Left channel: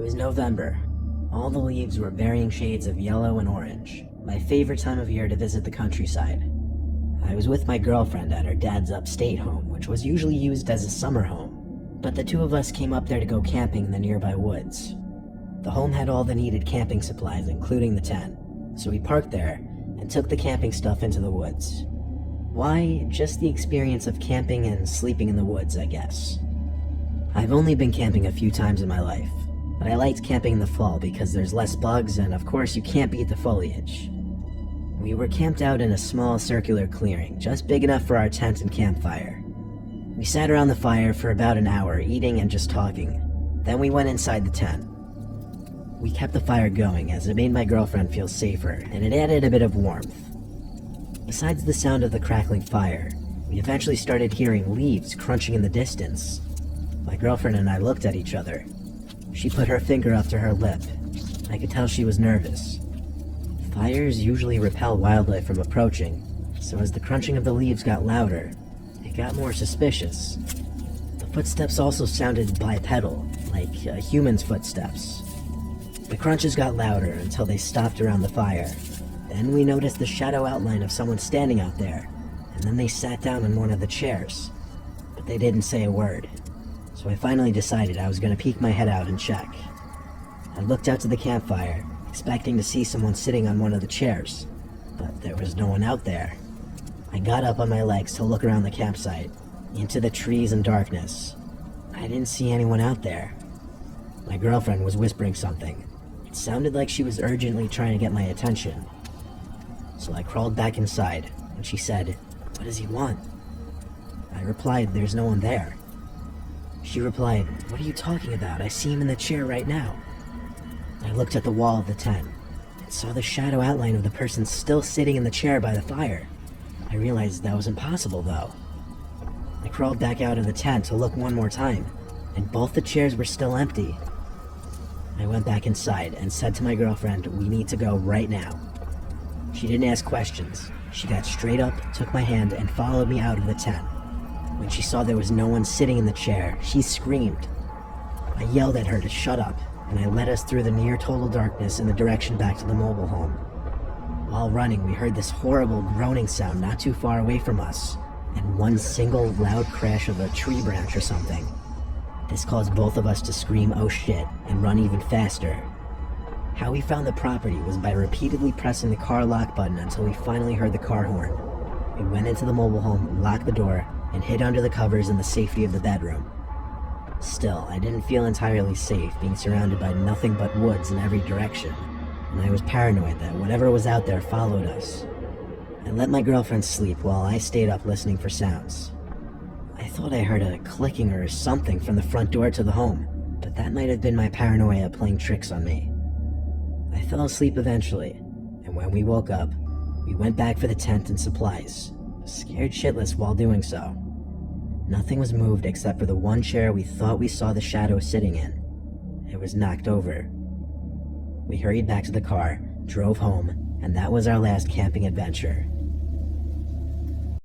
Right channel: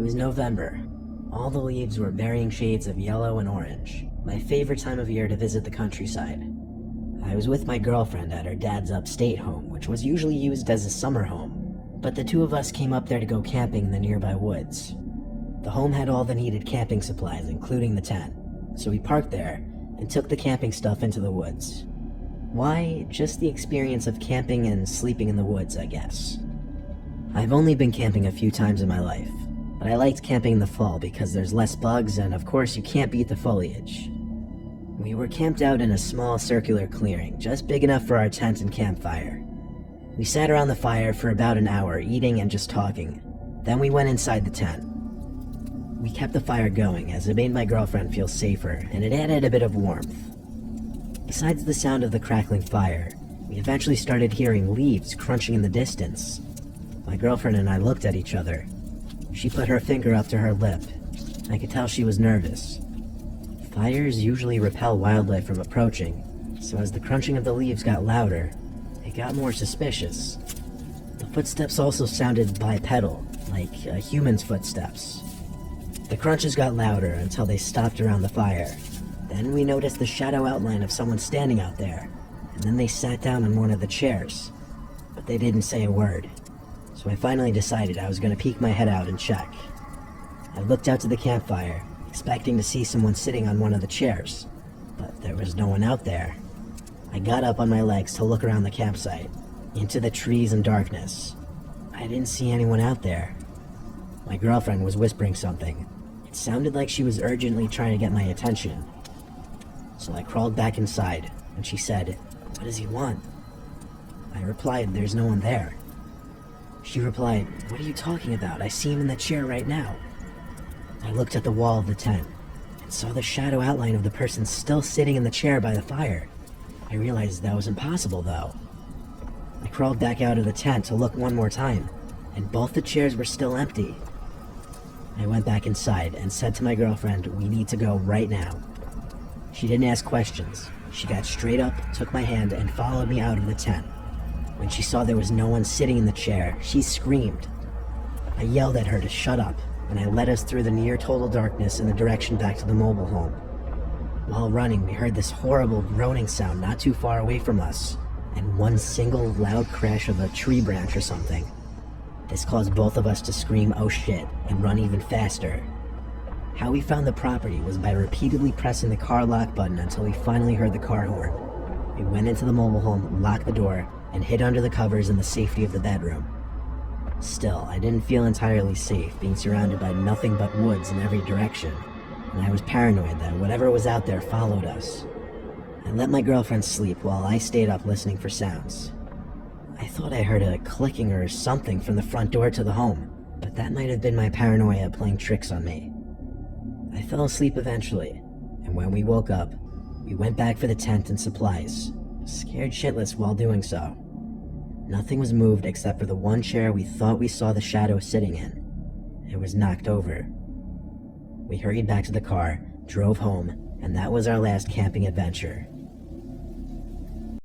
It was November. All the leaves were varying shades of yellow and orange, my favorite time of year to visit the countryside. I was with my girlfriend at her dad's upstate home, which was usually used as a summer home, but the two of us came up there to go camping in the nearby woods. The home had all the needed camping supplies, including the tent, so we parked there and took the camping stuff into the woods. Why? Just the experience of camping and sleeping in the woods, I guess. I've only been camping a few times in my life, but I liked camping in the fall because there's less bugs and of course you can't beat the foliage. We were camped out in a small circular clearing, just big enough for our tent and campfire. We sat around the fire for about an hour, eating and just talking. Then we went inside the tent. We kept the fire going as it made my girlfriend feel safer, and it added a bit of warmth. Besides the sound of the crackling fire, we eventually started hearing leaves crunching in the distance. My girlfriend and I looked at each other. She put her finger up to her lip. I could tell she was nervous. Fires usually repel wildlife from approaching, so as the crunching of the leaves got louder, it got more suspicious. The footsteps also sounded bipedal, like a human's footsteps. The crunches got louder until they stopped around the fire. Then we noticed the shadow outline of someone standing out there, and then they sat down in one of the chairs, but they didn't say a word. So I finally decided I was going to peek my head out and check. I looked out to the campfire, expecting to see someone sitting on one of the chairs, but there was no one out there. I got up on my legs to look around the campsite, into the trees and darkness. I didn't see anyone out there. My girlfriend was whispering something. It sounded like she was urgently trying to get my attention. So I crawled back inside, and she said, "What does he want?" I replied, "There's no one there." She replied, "What are you talking about? I see him in the chair right now." I looked at the wall of the tent and saw the shadow outline of the person still sitting in the chair by the fire. I realized that was impossible, though. I crawled back out of the tent to look one more time, and both the chairs were still empty. I went back inside and said to my girlfriend, "We need to go right now." She didn't ask questions. She got straight up, took my hand, and followed me out of the tent. When she saw there was no one sitting in the chair, she screamed. I yelled at her to shut up, and I led us through the near total darkness in the direction back to the mobile home. While running, we heard this horrible groaning sound not too far away from us, and one single loud crash of a tree branch or something. This caused both of us to scream, "Oh shit," and run even faster. How we found the property was by repeatedly pressing the car lock button until we finally heard the car horn. We went into the mobile home, locked the door, and hid under the covers in the safety of the bedroom. Still, I didn't feel entirely safe being surrounded by nothing but woods in every direction, and I was paranoid that whatever was out there followed us. I let my girlfriend sleep while I stayed up listening for sounds. I thought I heard a clicking or something from the front door to the home, but that might have been my paranoia playing tricks on me. I fell asleep eventually, and when we woke up, we went back for the tent and supplies, scared shitless while doing so. Nothing was moved except for the one chair we thought we saw the shadow sitting in. It was knocked over. We hurried back to the car, drove home, and that was our last camping adventure.